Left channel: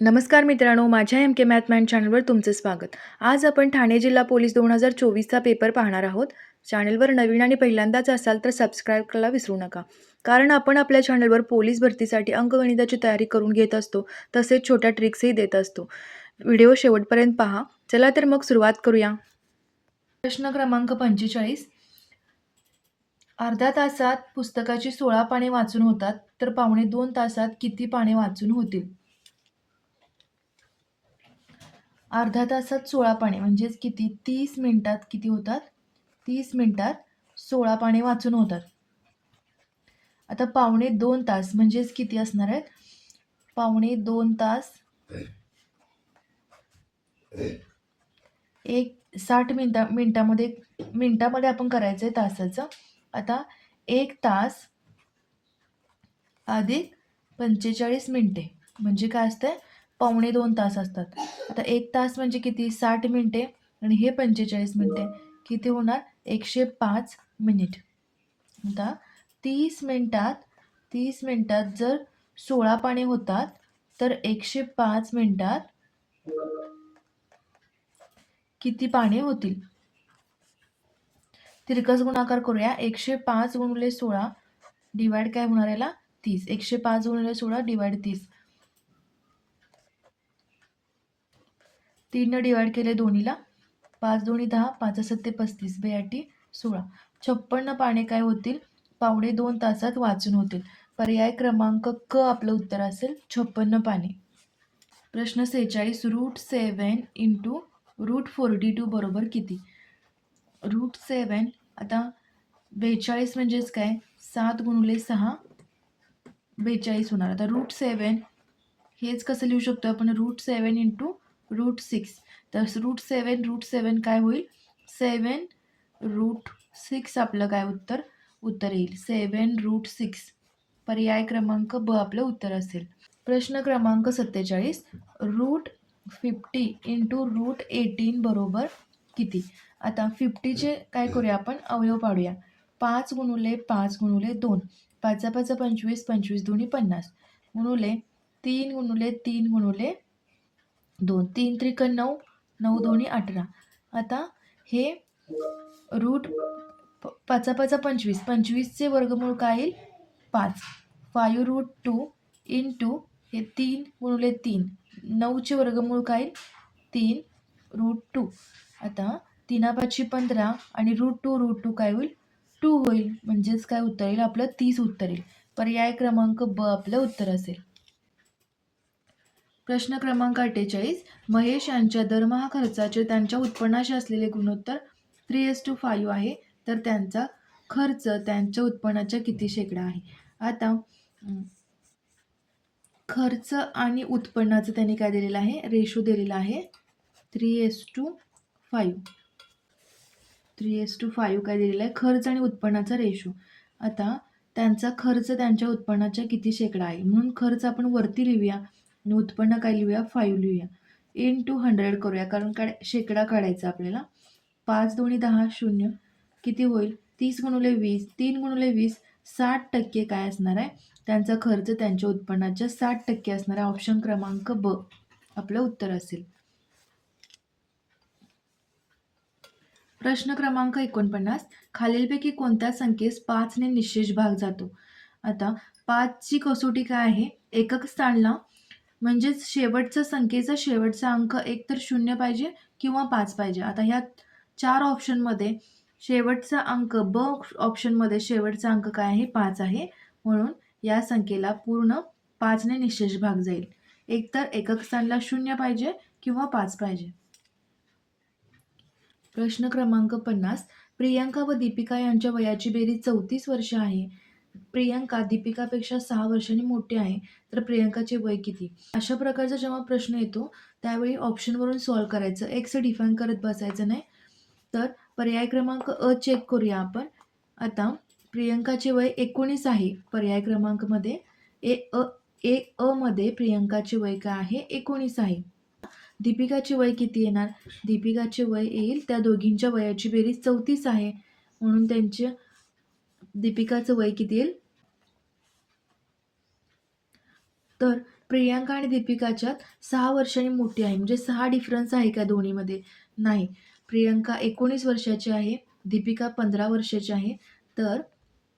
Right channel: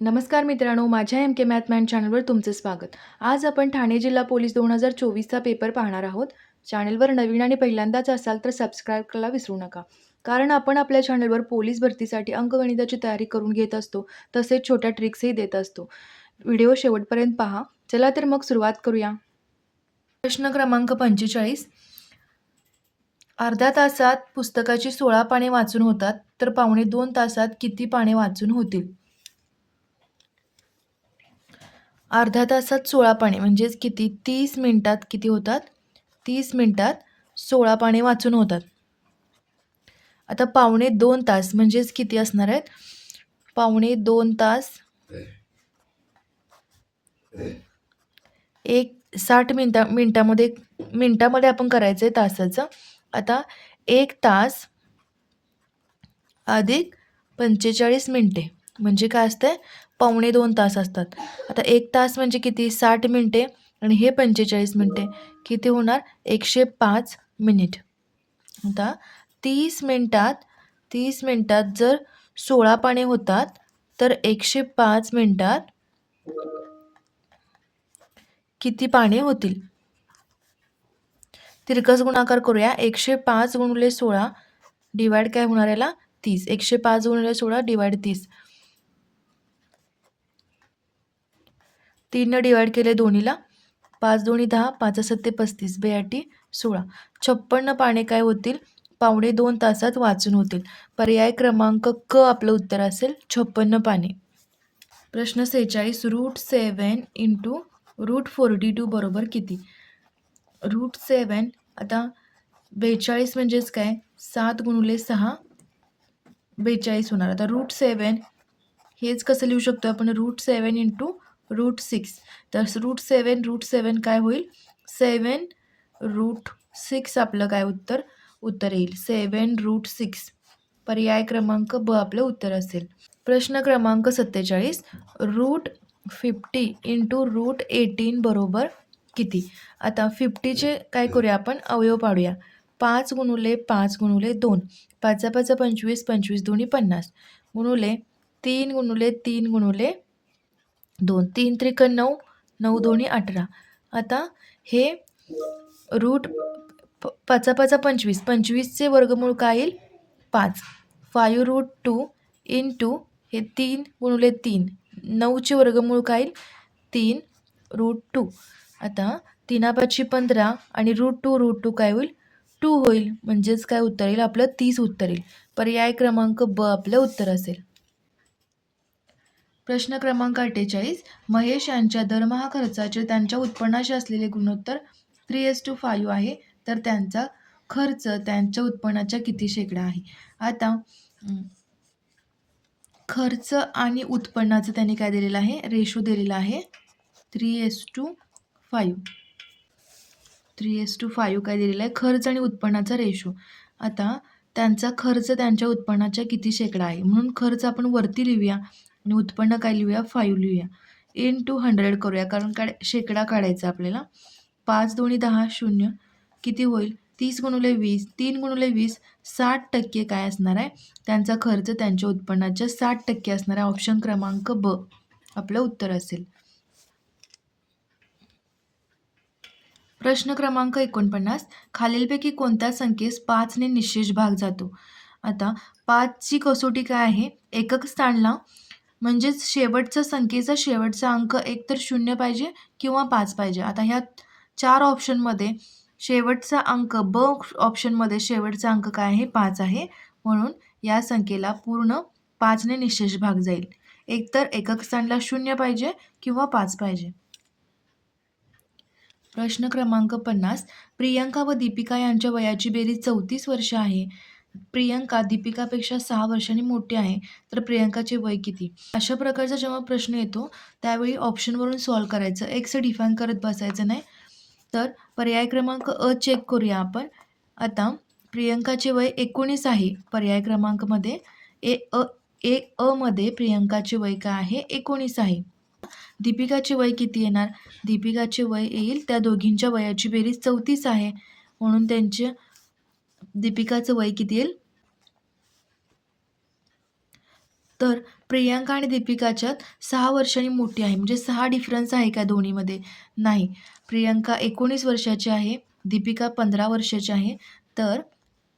नमस्कार मित्रांनो माझ्या एम के मॅथमॅन चॅनलवर तुमचं स्वागत. आज आपण ठाणे जिल्हा पोलीस दोन हजार चोवीसचा पेपर पाहणार आहोत. चॅनलवर नवीन आणि पहिल्यांदाच असाल तर सबस्क्राईब करायला विसरू नका. कारण आपण आपल्या चॅनलवर पोलीस भरतीसाठी अंकगणिताची तयारी करून घेत असतो तसेच छोट्या ट्रिक्सही देत असतो. व्हिडिओ शेवटपर्यंत पहा. चला तर मग सुरुवात करूया. प्रश्न क्रमांक पंचेचाळीस. अर्ध्या तासात पुस्तकाची सोळा पाने वाचून होतात तर पावणे दोन तासात किती पाने वाचून होतील? अर्ध्या तासात सोळा पाने म्हणजेच किती? तीस मिनटात किती होतात? तीस मिनटात सोळा पाने वाचून होतात. आता पावणे दोन तास म्हणजेच किती असणार आहेत? पावणे दोन तास एक साठ मिनटा मिनटामध्ये मिनटामध्ये आपण करायचं आहे तासाचं. आता एक तास अधिक पंचेचाळीस मिनटे म्हणजे काय असतंय? पावणे दोन तास असतात. आता एक तास म्हणजे किती? साठ मिनटे आणि हे पंचेचाळीस मिनटे. किती होणार? एकशे पाच मिनिट. आता तीस मिनटात तीस मिनटात जर सोळा पाने होतात तर एकशे पाच मिनटात किती पाने होतील? तिरकस गुणाकार करूया. एकशे पाच गुणले सोळा डिवाईड काय होणार याला? तीस. एकशे पाच गुणले सोळा डिवाईड तीस. तीननं डिवाईड केले दोन्हीला. पाच दोन्ही दहा पाच सत्ते पस्तीस. बेआटी सोळा. छप्पन्न पाने काय होतील? पावणे दोन तासात वाचून होतील. पर्याय क्रमांक क आपलं उत्तर असेल छप्पन्न पाने. प्रश्न सेहेचाळीस root seven into root forty two बरोबर किती? रूट सेवन आता बेचाळीस म्हणजेच काय? सात गुणुले सहा बेचाळीस होणार. आता रूट सेवन हेच कसं लिहू शकतो आपण? Root seven into root six. तर रूट सेवन रूट सेवन काय होईल? सेवन रूट सिक्स आपलं काय उत्तर? उत्तर येईल. Seven root six. पर्याय क्रमांक ब आपलं उत्तर असेल. प्रश्न क्रमांक सत्तेचाळीस. Root fifty into root eighteen बरोबर किती? आता फिफ्टीचे काय करूया आपण? अवयव पाडूया. पाच गुणुले पाच गुणुले दोन. पाचा पाचा पंचवीस पंचवीस दोन्ही पन्नास. गुणुले तीन गुणुले तीन गुणुले दोन तीन त्रिक नऊ नऊ दोन्ही अठरा. आता हे रूट प पाचा पाचा पंचवीस. पंचवीसचे वर्गमूळ काय येईल? पाच. Five root two in two हे तीन गुणुले तीन. नऊचे वर्गमूळ काय येईल? तीन रूट टू. आता तीनापाचशे पंधरा आणि रूट टू रूट टू काय होईल? टू होईल. म्हणजेच काय उत्तर येईल? आपलं तीस उत्तर येईल. पर्याय क्रमांक ब आपलं उत्तर असेल. प्रश्न क्रमांक अठ्ठेचाळीस महेश यांच्या दरमहा खर्चाचे त्यांच्या उत्पन्नाशी असलेले गुणोत्तर थ्री एस टू फाईव्ह आहे. तर त्यांचा खर्च त्यांच्या उत्पन्नाच्या किती शेकडा आहे? आता खर्च आणि उत्पन्नाचं त्यांनी काय दिलेलं आहे? रेशो दिलेला आहे. Three is to five three is to five काय दिलेला आहे? खर्च आणि उत्पन्नाचा रेशो आता त्यांचा खर्च त्यांच्या उत्पन्नाच्या किती शेकडा आहे? म्हणून खर्च आपण वरती लिहूया. आणि उत्पन्न काय लिहूया? फाईव्ह लिहूया. इन टू हंड्रेड करूया. कारण काढ शेकडा काढायचा आपल्याला. पाच दोन्ही दहा शून्य किती होईल? तीस गुणुले वीस. तीन गुणुले वीस साठ टक्के काय असणार आहे? त्यांचा खर्च त्यांच्या उत्पन्नाच्या साठ टक्के असणार आहे. ऑप्शन क्रमांक ब. आपलं उत्तर असेल. प्रश्न क्रमांक एकोणपन्नास. खालीलपैकी कोणत्या संख्येस पाचने निशेष भाग जातो? आता पाचची कसोटी काय आहे? एकक स्थानला म्हणजेच शेवटचा संख्येचा शेवटचा अंक एकतर शून्य पाहिजे किंवा पाच पाहिजे. आता ह्या चार ऑप्शनमध्ये शेवटचा अंक ब ऑप्शनमध्ये शेवटचा अंक काय आहे? पाच आहे. म्हणून या संख्येला पूर्ण पाचने निशेष भाग जाईल. एकतर एकक स्थानला शून्य पाहिजे किंवा पाच पाहिजे. प्रश्न क्रमांक पन्नास. प्रियंका व दीपिका यांच्या वयाची बेरीज चौतीस वर्ष आहे. प्रियंका दीपिकापेक्षा सहा वर्षांनी मोठी आहे तर प्रियंकाचे वय किती? अशा प्रकारचा जेव्हा प्रश्न येतो त्यावेळी ऑप्शनवरून सॉल्व करायचं. एक्स डिफाईन करत बसायचं नाही. तर पर्याय क्रमांक अ चेक करूया आपण. आता प्रियंकाचे वय एकोणीस आहे. पर्याय क्रमांकमध्ये ए अ ए अमध्ये प्रियंकाचे वय काय आहे? एकोणीस आहे. दीपिकाचे वय किती येणार? दीपिकाचे वय येईल त्या दोघींच्या वयाची बेरीज चौतीस आहे. म्हणून त्यांचे दीपिकाचं वय किती येईल? तर प्रियांका आणि दीपिकाच्यात सहा वर्षांनी मोठी आहे. म्हणजे सहा डिफरन्स आहे का दोन्हीमध्ये? नाही. प्रियांका एकोणीस वर्षाची आहे दीपिका पंधरा वर्षाची आहे. तर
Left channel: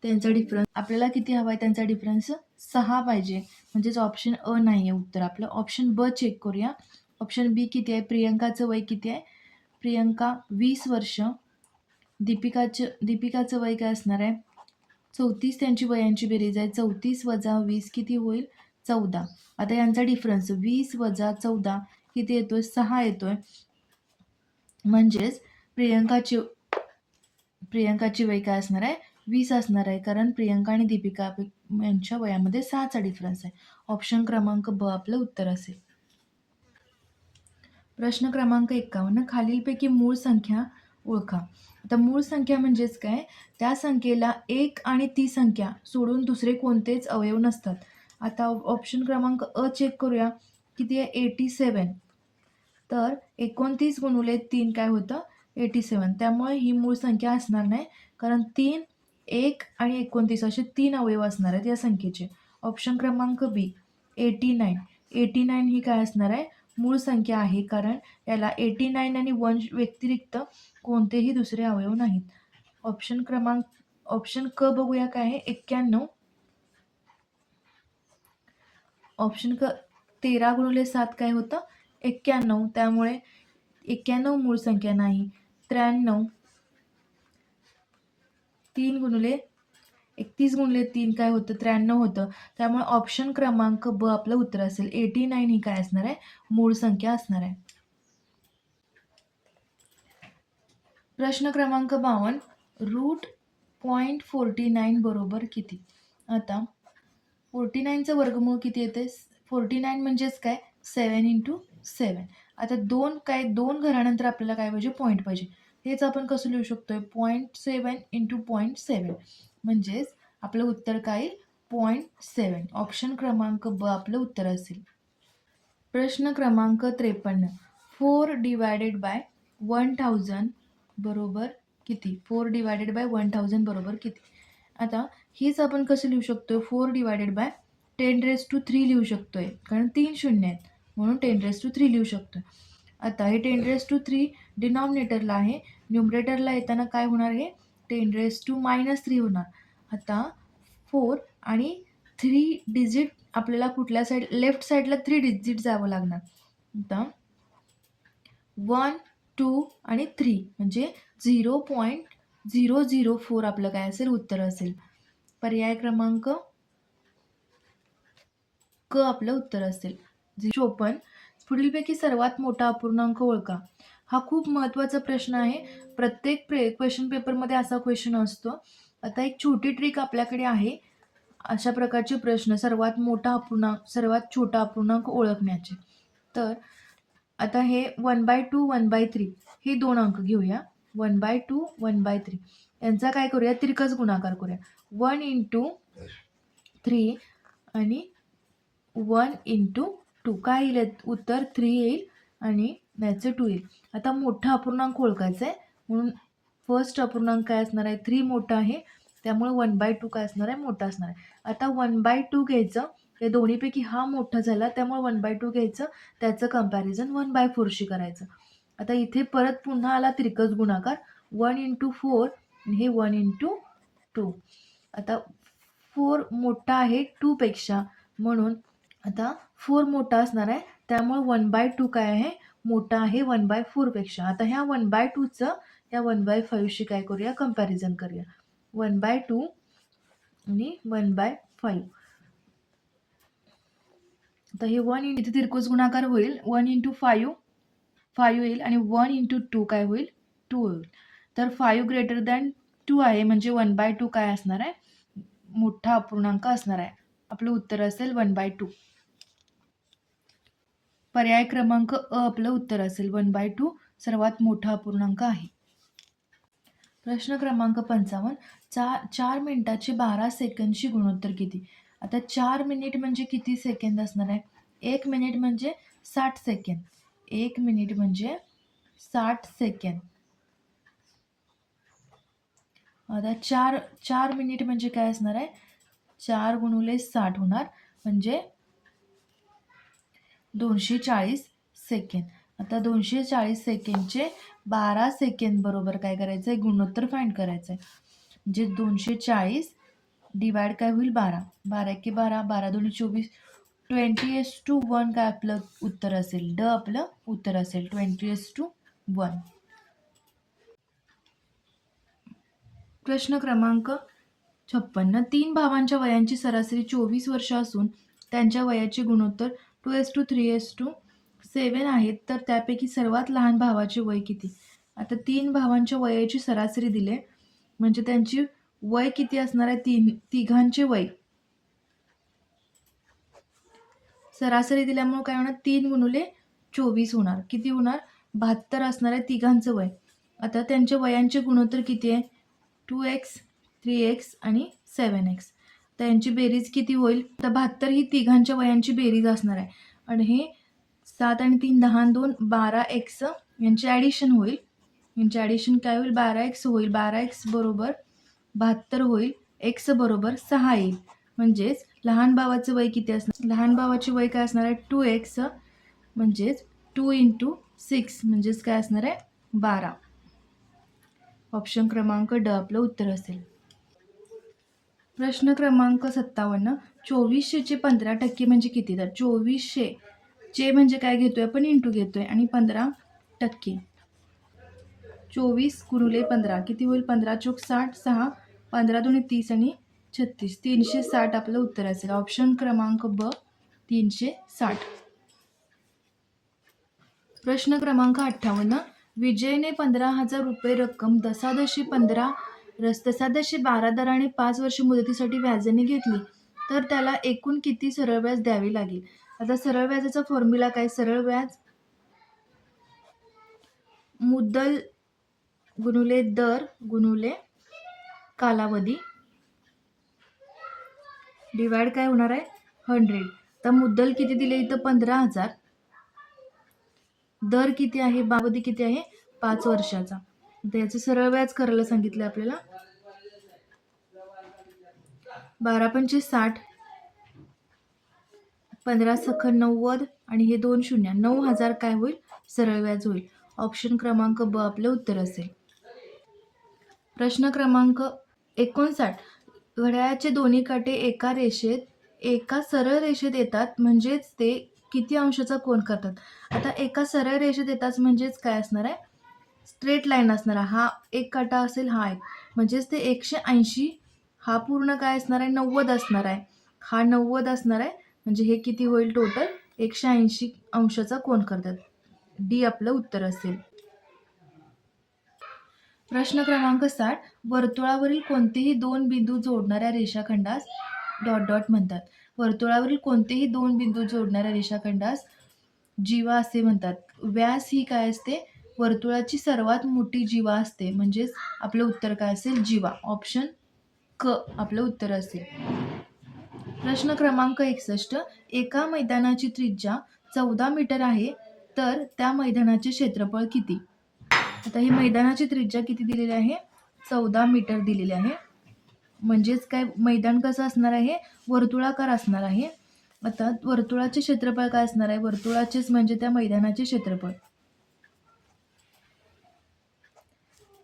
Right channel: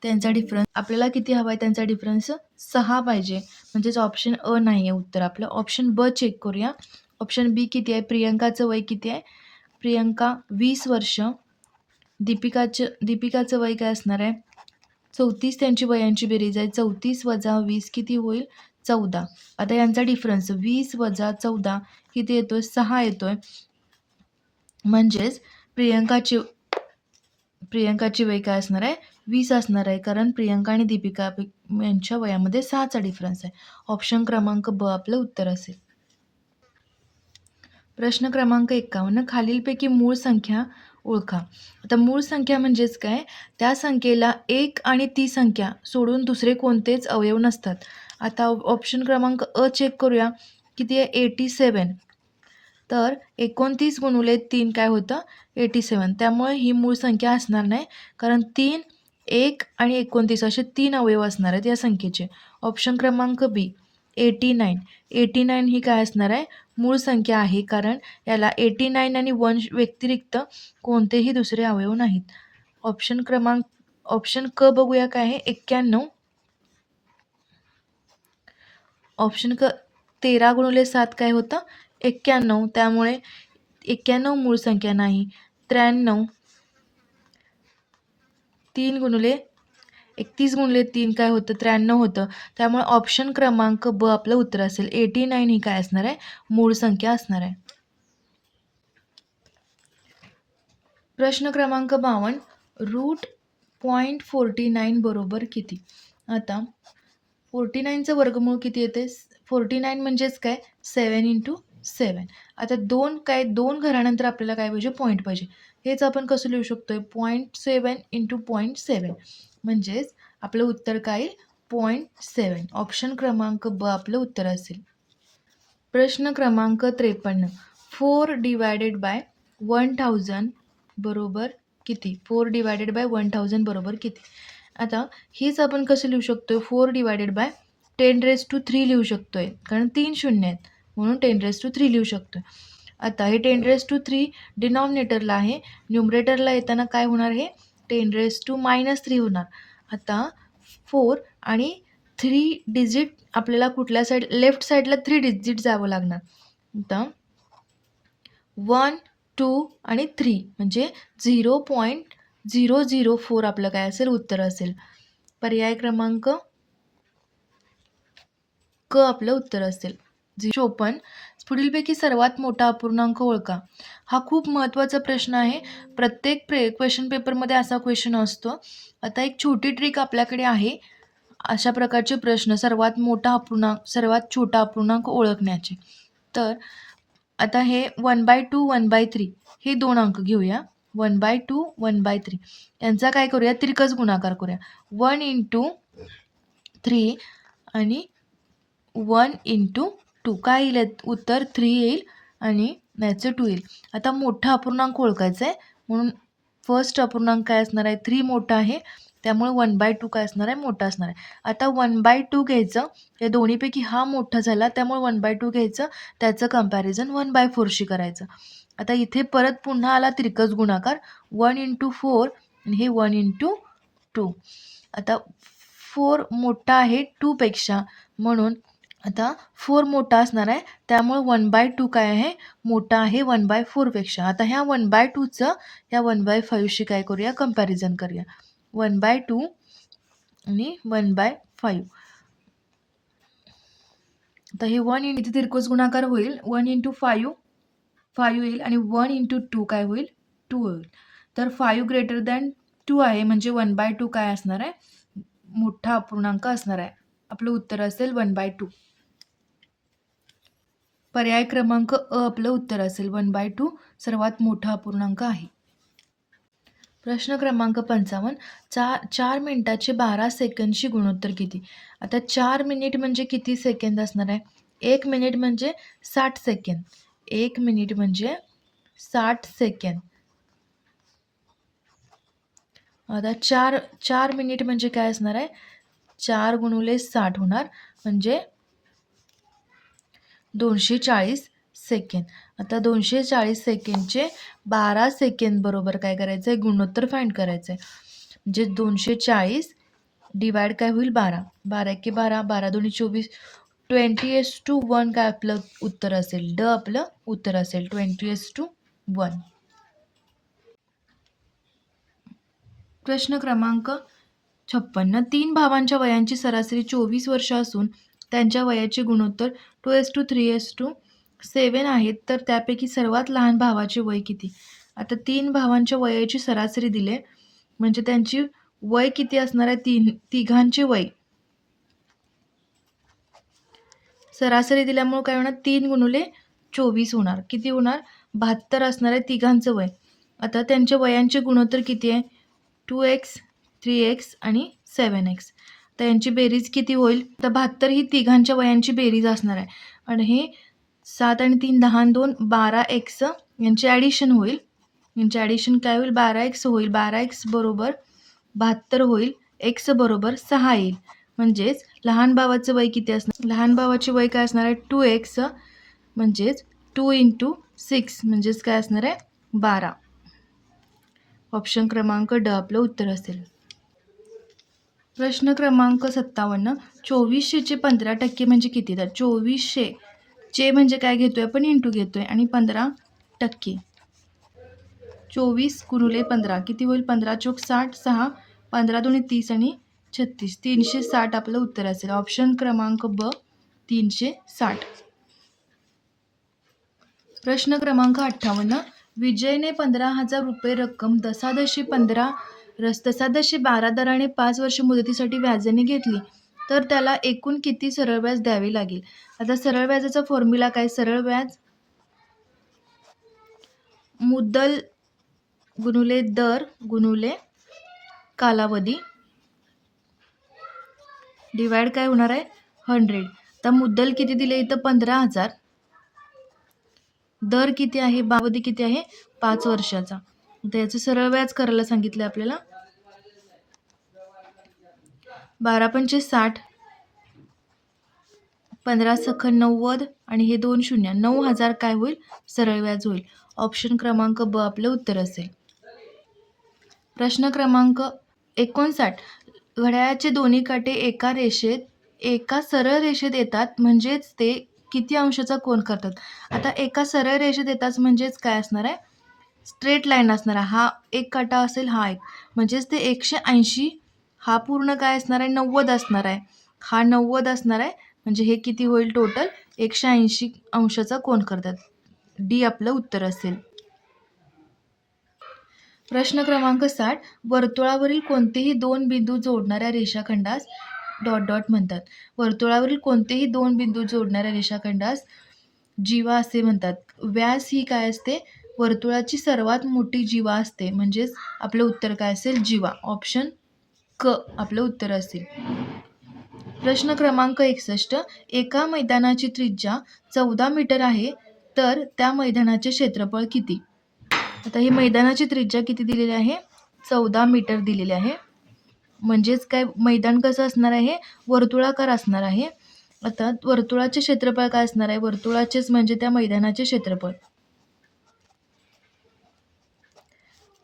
त्यांचा डिफरन्स आपल्याला किती हवा आहे त्यांचा डिफरन्स सहा पाहिजे. म्हणजेच ऑप्शन अ नाही आहे उत्तर. आपलं ऑप्शन ब चेक करूया. ऑप्शन बी किती आहे? प्रियंकाचं वय किती आहे? प्रियंका वीस वर्ष. दीपिकाचं दीपिकाचं वय काय असणार आहे? चौतीस त्यांची वयांची बेरीज आहे. चौतीस वजा वीस किती होईल? चौदा. आता यांचा डिफरन्स वीस वजा चौदा किती येतोय? सहा येतोय. म्हणजेच प्रियंकाची प्रियंकाची वय काय असणार आहे? वीस असणार आहे. कारण प्रियंका आणि दीपिका यांच्या वयामध्ये सहाचा डिफरन्स आहे. ऑप्शन क्रमांक ब आपलं उत्तर असेल. प्रश्न क्रमांक एकावन्न खालीलपैकी मूळ संख्या ओळखा. आता मूळ संख्या म्हणजेच काय? त्या संख्येला एक आणि ती संख्या सोडून दुसरे कोणतेच अवयव नसतात. आता ऑप्शन क्रमांक अ चेक करूया. किती आहे? एटी सेवन तर एकोणतीस गुणुले तीन काय होतं? एटी सेवन त्यामुळे ही मूळ संख्या असणार नाही. कारण तीन एक आणि एकोणतीस असे तीन अवयव असणार आहेत या संख्येचे. ऑप्शन क्रमांक B eighty nine eighty nine ही काय असणार आहे? मूळ संख्या आहे कारण याला एटी नाईन आणि वन व्यतिरिक्त कोणतेही दुसरे अवयव नाहीत. ऑप्शन क्रमांक ऑप्शन क बघूया काय आहे एक्क्याण्णव. ऑप्शन क तेरा गुणिले सात काय होतं? एक्क्याण्णव. त्यामुळे एक्क्याण्णव मूळ संख्या नाही त्र्याण्णव. तीन गुणुले एकतीस गुणले तीन काय होतं? त्र्याण्णव होतं. त्यामुळे ऑप्शन क्रमांक ब आपलं उत्तर असेल. एटी नाईन ही काय असणार आहे? मूळ संख्या असणार आहे. प्रश्न क्रमांक बावन्न. रूट पॉईंट फोर्टी नाईन बरोबर किती? आता फोर्टी नाईनचं वर्गमूळ किती येते? फोर्टी नाईन म्हणजेच काय? सेवन इंटू सेवन आता दोन काय? दोन घरानंतर आपल्याला काय पाहिजे? पॉईंट पाहिजे. हेच आपण कसं लिहू शकतो आहे point seven into point seven म्हणजेच आपलं उत्तर काय येईल? पॉईंट सेवन ऑप्शन क्रमांक ब आपलं उत्तर असेल. प्रश्न क्रमांक त्रेपन्न. Four divided by one thousand बरोबर किती? Four divided by one thousand बरोबर किती? आता हीच आपण कसं लिहू शकतो आहे four divided by ten raise to three लिहू शकतो आहे कारण तीन शून्य आहेत. म्हणून टेन रेस टू थ्री लिहू शकतो आता हे टेन रेस टू थ्री डिनॉमिनेटरला आहे. न्युमरेटरला येताना काय होणार हे? Ten raise to minus three होणार. आता फोर आणि थ्री डिजिट आपल्याला कुठल्या साईड लेफ्ट साईडला थ्री डिजिट जावं लागणार. आता वन टू आणि थ्री म्हणजे zero point zero zero four आपलं काय असेल? उत्तर असेल. पर्याय क्रमांक क आपलं उत्तर असेल. झि चोपन्न पुढीलपैकी सर्वात मोठा अपूर्णांक ओळखा. हा खूप महत्त्वाचा प्रश्न आहे. प्रत्येक प्रे क्वेश्चन पेपरमध्ये असा क्वेश्चन असतो. आता एक छोटी ट्रिक आपल्याकडे आहे. अशा प्रकारचे प्रश्न सर्वात मोठा अपूर्णांक सर्वात छोटा अपूर्णांक ओळखण्याचे. तर आता हे one by two one by three हे दोन अंक घेऊया. One by two one by three यांचा काय करूया? तिरकस गुणाकार करूया. वन इंटू थ्री आणि वन इंटू टू काय येईल उत्तर थ्री येईल आणि याचं टू येईल. आता मोठा अपूर्णांक ओळखायचा आहे म्हणून फर्स्ट अपूर्णांक काय असणार आहे? थ्री मोठा आहे. त्यामुळे वन बाय टू काय असणार आहे? मोठा असणार आहे. आता वन बाय टू घ्यायचं. या दोन्हीपैकी हा मोठा झाला त्यामुळे वन बाय टू घ्यायचं. त्याचं कंपॅरिझन वन बाय फोरशी करायचं. आता इथे परत पुन्हा आला त्रिकस गुणाकार. वन इंटू फोर आणि हे वन इंटू टू आता फोर मोठा आहे टूपेक्षा म्हणून आता फोर मोठा असणार आहे. त्यामुळे वन बाय टू काय आहे? मोठा आहे वन बाय फोरपेक्षा आता ह्या वन बाय टूचं ह्या वन बाय फाईव्हशी काय करूया? कंपॅरिझन करूया. वन बाय टू आणि वन बाय फाईव्ह आता हे वन इंटू तिरकोस गुणाकार होईल. वन इंटू फायू फायू येईल आणि वन इंटू टू काय होईल? टू होईल. तर फायू ग्रेटर दॅन टू आहे. म्हणजे वन बाय टू काय असणार आहे? मोठा अपूर्णांक असणार आहे. आपलं उत्तर असेल वन बाय टू पर्याय क्रमांक अ आपलं उत्तर असेल. वन बाय टू सर्वात मोठा अपूर्णांक आहे. प्रश्न क्रमांक पंचावन्न. चार चार मिनिटाचे बारा सेकंडची गुणोत्तर किती? आता चार मिनिट म्हणजे किती सेकंद असणार आहे? एक मिनिट म्हणजे साठ सेकंद. एक मिनिट म्हणजे साठ सेकंद. आता चार चार मिनिट म्हणजे काय असणार आहे? चार गुणुले साठ होणार. म्हणजे दोनशे चाळीस सेकंद. आता दोनशे चाळीस सेकंडचे बारा सेकंद बरोबर काय करायचं आहे गुणोत्तर फाईंड करायचं आहे म्हणजे दोनशे चाळीस डिवाइड काय होईल? बारा. बारा एके बारा बारा दोन्ही चोवीस. ट्वेंटी एस टू वन काय आपलं उत्तर असेल? ड आपलं उत्तर असेल. Twenty is to one. प्रश्न क्रमांक छप्पन्न. तीन भावांच्या वयांची सरासरी चोवीस वर्ष असून त्यांच्या वयाचे गुणोत्तर two is to three is to seven आहेत. तर त्यापैकी सर्वात लहान भावाचे वय किती? आता तीन भावांच्या वयाची सरासरी दिले. म्हणजे त्यांची वय किती असणार आहे? तीन तिघांचे वय. सरासरी दिल्यामुळे काय होणार? तीन गुणुले चोवीस होणार. किती होणार? बहात्तर असणार आहे तिघांचं वय. आता त्यांच्या वयांचे गुणोत्तर किती आहे? टू एक्स थ्री एक्स आणि सेवन एक्स तर यांची बेरीज किती होईल? तर बहात्तर ही तिघांच्या वयांची बेरीज असणार आहे. आणि हे सात आणि तीन दहा दोन बारा एक्स यांचे ॲडिशन होईल. यांचे ॲडिशन काय होईल? बारा एक्स होईल. बारा एक्स बरोबर बहात्तर होईल. एक्स बरोबर सहा येईल. म्हणजेच लहान भावाचं वय किती असणार? लहान भावाचे वय काय असणार आहे? टू एक्स म्हणजेच टू इंटू सिक्स म्हणजेच काय असणार आहे? बारा. ऑप्शन क्रमांक ड आपलं उत्तर असेल. प्रश्न क्रमांक सत्तावन्न चोवीसशेचे पंधरा टक्के म्हणजे किती? तर चोवीसशे चे म्हणजे काय घेतोय आपण? इंटू घेतोय. आणि पंधरा टक्के. चोवीस गुणुले पंधरा किती होईल? पंधरा चोक साठ सहा पंधरा दोन्ही तीस आणि छत्तीस. तीनशे साठ आपलं उत्तर असेल. ऑप्शन क्रमांक ब तीनशे साठ. प्रश्न क्रमांक अठ्ठावन्न विजयने पंधरा हजार रुपये रक्कम दसादशी पंधरा रस दसादशी बारा दराने पाच वर्ष मुदतीसाठी व्याजाने घेतली तर त्याला एकूण किती सरळ व्याज द्यावे लागेल? आता सरळ व्याजाचा फॉर्म्युला काय? सरळ व्याज मुद्दल गुणुले दर गुणुले कालावधी डिवाइड काय होणार आहे? हंड्रेड आता मुद्दल किती दिले इथं? पंधरा हजार. दर किती आहे? बावधी किती आहे? पाच वर्षाचा. त्याचं सरळ व्याज करायला सांगितलं आपल्याला. बारा पंचे साठ पंधरा सखन नव्वद आणि हे दोन शून्य. नऊ हजार काय होईल? सरळ व्याज होईल. ऑप्शन क्रमांक ब आपलं उत्तर असेल. प्रश्न क्रमांक एकोणसाठ. घड्याळाचे दोन्ही काटे एका रेषेत एका सरळ रेषेत येतात म्हणजेच ते किती अंशाचा कोण करतात? आता एका सरळ रेषेत येतात म्हणजेच काय असणार आहे? स्ट्रेट लाईन असणार आहे. हा एक काटा असेल हा एक. म्हणजेच ते एकशे ऐंशी हा पूर्ण काय असणार आहे? नव्वद असणार आहे. हा नव्वद असणार आहे म्हणजे हे किती होईल टोटल एकशे ऐंशी अंशाचा कोण करतात? डी आपलं उत्तर असेल. प्रश्न क्रमांक साठ वर्तुळावरील कोणतेही दोन बिंदू जोडणाऱ्या रेषाखंडास डॉट डॉट म्हणतात. वर्तुळावरील कोणतेही दोन बिंदू जोडणाऱ्या रेषाखंडास जीवा असे म्हणतात. व्यास ही काय असते? वर्तुळाची सर्वात मोठी जीवा असते. म्हणजेच आपलं उत्तर काय असेल? जीवा. ऑप्शन क आपलं उत्तर असेल. प्रश्न क्रमांक एकसष्ट एका मैदानाची त्रिज्या चौदा मीटर आहे तर त्या मैदानाचे क्षेत्रफळ किती? आता ही मैदानाची त्रिज्या किती दिलेली आहे? चौदा मीटर दिलेली आहे. म्हणजेच काय? मैदान कसं असणार आहे? वर्तुळाकार असणार आहे. आता वर्तुळाचे क्षेत्रफळ काय असणार आहे? वर्तुळाचेच म्हणजे त्या मैदानाचे क्षेत्रफळ.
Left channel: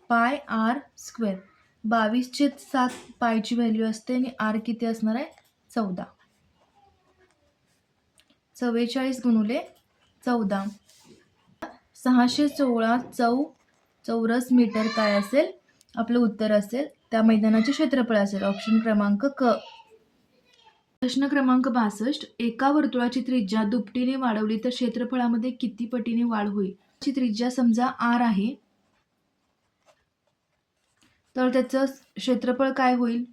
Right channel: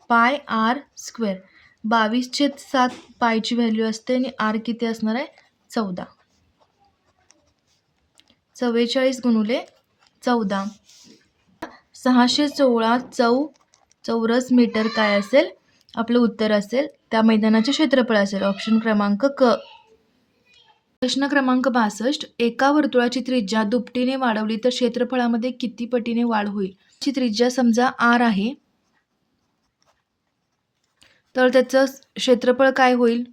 पाय आर स्क्वेअर. बावीस छेद सात पायची व्हॅल्यू असते आणि आर किती असणार आहे? चौदा. चव्वेचाळीस गुणुले चौदा. सहाशे सोळा चौ चौरस मीटर काय असेल? आपलं उत्तर असेल त्या मैदानाचे क्षेत्रफळ असेल. ऑप्शन क्रमांक क. प्रश्न क्रमांक बासष्ट. एका वर्तुळाची त्रिज्या दुपटीने वाढवली तर क्षेत्रफळामध्ये किती पटीने वाढ होईल? ची त्रिज्या समजा आर आहे. तर त्याचं क्षेत्रफळ काय होईल?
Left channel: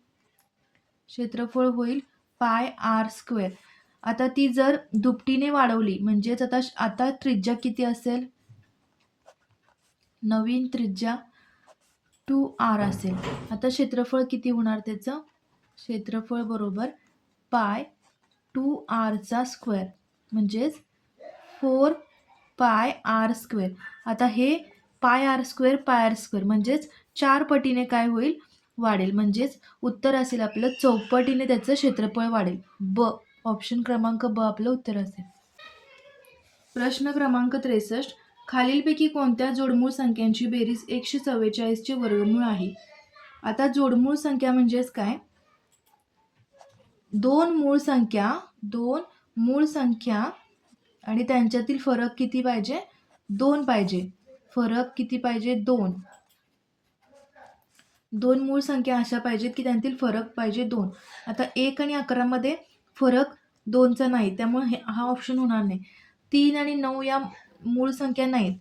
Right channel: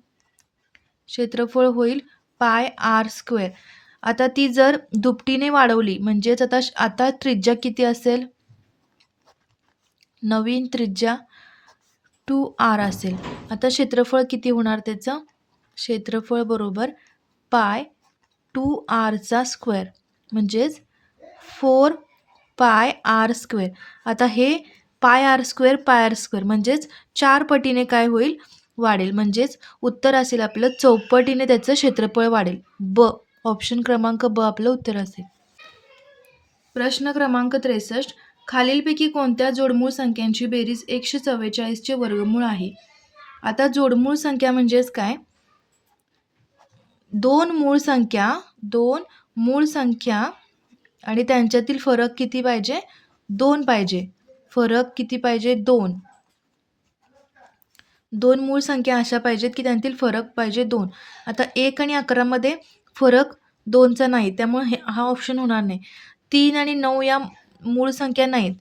क्षेत्रफळ होईल पाय आर स्क्वेअर. आता ती जर दुपटीने वाढवली म्हणजेच आता आता त्रिज्या किती असेल? नवीन त्रिज्या टू आर असेल. आता क्षेत्रफळ किती होणार त्याचं? क्षेत्रफळ बरोबर पाय टू आरचा स्क्वेअर म्हणजेच फोर पाय आर स्क्वेअर. आता हे pi R square pi R square. म्हणजेच चार पटीने काय होईल? वाढेल. म्हणजेच उत्तर असेल आपलं चौपटीने त्याचं क्षेत्रफळ वाढेल. ब ऑप्शन क्रमांक ब आपलं उत्तर असेल. प्रश्न क्रमांक त्रेसष्ट. खालीलपैकी कोणत्या जोडमूळ संख्यांची बेरीज एकशे चव्वेचाळीसचे वर्गमूळ आहे? आता जोडमूळ संख्या म्हणजेच काय? दोन मूळ संख्या दोन मूळ संख्या आणि त्यांच्यातील फरक किती पाहिजे? दोन पाहिजे. फरक किती पाहिजे? दोन. दोन मूळ संख्या अशा पाहिजेत की त्यांतील फरक पाहिजे दोन. आता एक आणि अकरामध्ये फरक दोनचा नाही त्यामुळे हे हा ऑप्शन होणार नाही. तीन आणि नऊ या मूळ संख्या नाहीत.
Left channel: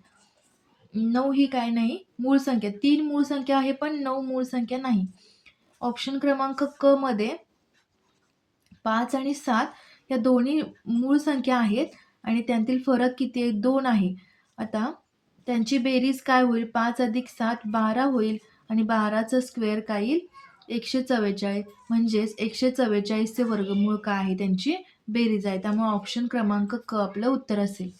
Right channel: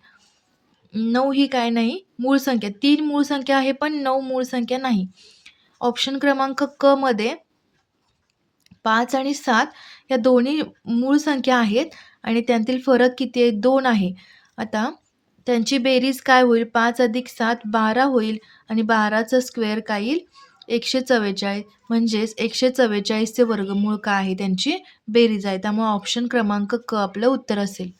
नऊ ही काय नाही? मूळ संख्या. तीन मूळ संख्या आहे पण नऊ मूळ संख्या नाही. ऑप्शन क्रमांक क मध्ये पाच आणि सात या दोन्ही मूळ संख्या आहेत आणि त्यांतील फरक किती आहे? दोन आहे. आता त्यांची बेरीज काय होईल? पाच अधिक सात बारा होईल. आणि बाराचं स्क्वेअर काय येईल? एकशे चव्वेचाळीस. म्हणजेच एकशे चव्वेचाळीसचे वर्गमूळ काय आहे? त्यांची बेरीज आहे. त्यामुळे ऑप्शन क्रमांक क आपलं उत्तर असेल.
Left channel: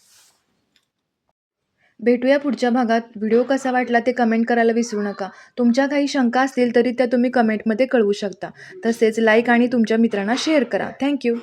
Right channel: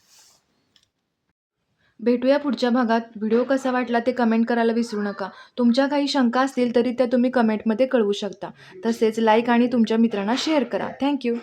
भेटूया पुढच्या भागात. व्हिडिओ कसा वाटला ते कमेंट करायला विसरू नका. तुमच्या काही शंका असतील तरी त्या तुम्ही कमेंटमध्ये कळवू शकता. तसेच लाईक आणि तुमच्या मित्रांना शेअर करा. थँक्यू.